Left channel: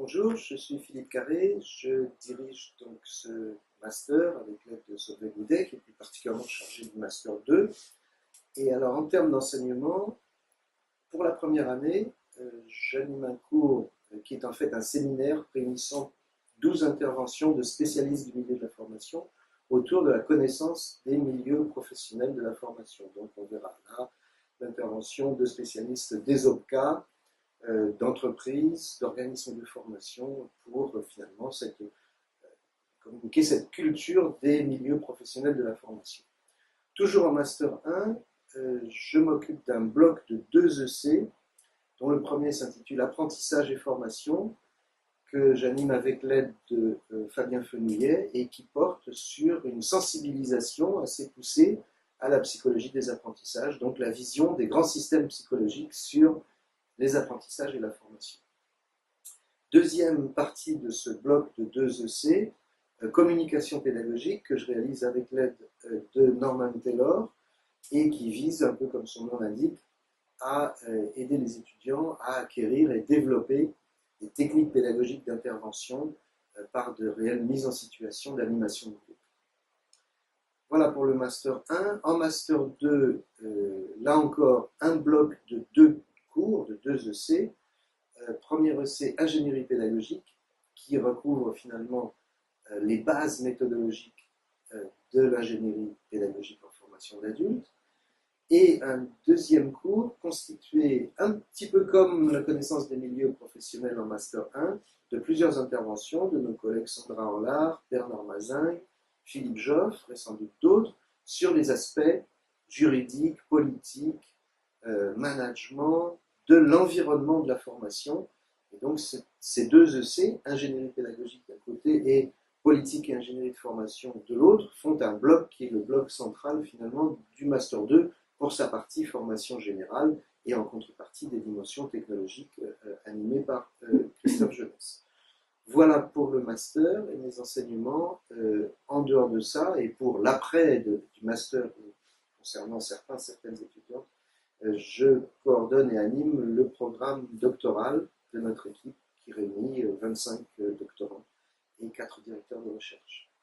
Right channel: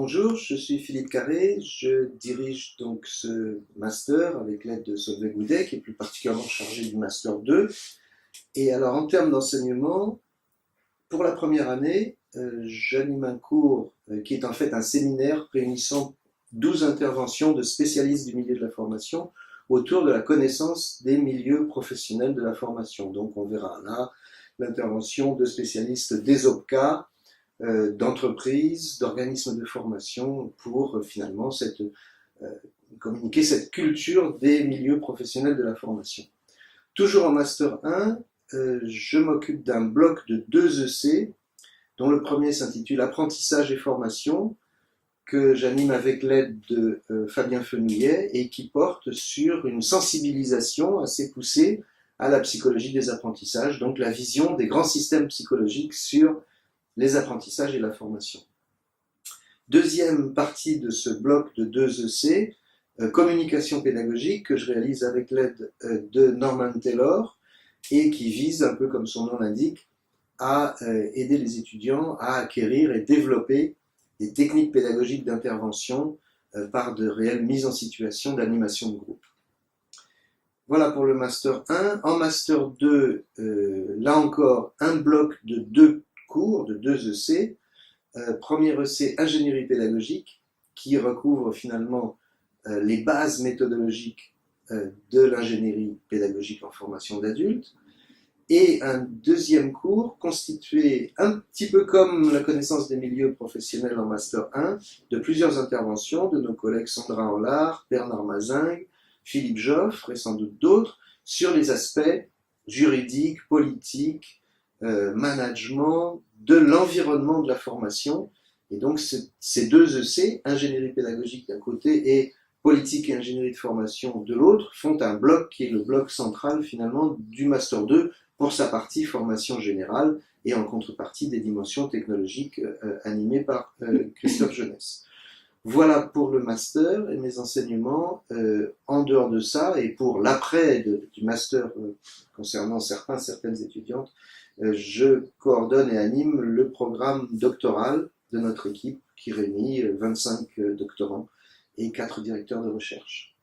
Bonjour, je suis Philippe Carré, je dirige donc ce master avec l'aide de Solveig Goudet, qui est plus particulièrement chargé du master 2. Et alors en termes d'enseignement, pour la première année, j'anime un cours qui est en fait un séminaire réunissant 12 interventions de spécialistes du milieu de la formation autour de la connaissance des milieux professionnels de la formation. Donc on verra là l'intervention de spécialistes des OPCA, d'entreprises, d'organismes de formation pour finalement communiquer cette culture des milieux professionnels de la formation. Toujours en Master 1, je m'occupe d'un bloc de 2 EC, dont le premier s'intitule Apprentissage et formation, que j'anime avec l'aide de Fabien Fenouillet et qui porte sur une sensibilisation assez poussée à la psychologie des apprentissages, donc la vision des grands systèmes psychologiques sur les apprentissages et la formation. Deuxième partie de ce bloc de 2 EC, communication pédagogique, que je réalise avec l'aide de Norman Taylor et qui vise, un peu comme son nom l'indique, à aider les étudiants à acquérir et développer des techniques pédagogiques d'intervention par de réelles mises en situation d'animation de groupe. Voilà pour le Master 1. En Master 2, là encore, un bloc de 2 cours, de 2 EC. Premier EC, ingénierie pédagogique, qui recouvre finalement les bases méthodologiques de l'ingénierie pédagogique en formation d'adultes. Et un deuxième cours constitué un petit peu comme la connaissance des milieux professionnels en Master 1, de plusieurs interventions de nos collègues Sandra Enlard, Bernard Mazingue, Philippe Joffre et sans doute d'autres, sur les aspects juridiques, politiques, management, de l'environnement de la formation. Et donc ces 2 EC, ingénierie pédagogique d'un côté et politique et ingénierie de formation de l'autre, font un bloc qui est le bloc central finalement du Master 2 pour sa partie formation générale et en contrepartie des dimensions technologiques animées par Christophe Jeunesse. Voilà pour le master et mes enseignements. En dehors de ça, et pour l'après du master concernant certaines étudiantes, je coordonne et anime le programme doctoral de notre équipe qui réunit 25 doctorants et 4 directeurs de recherche.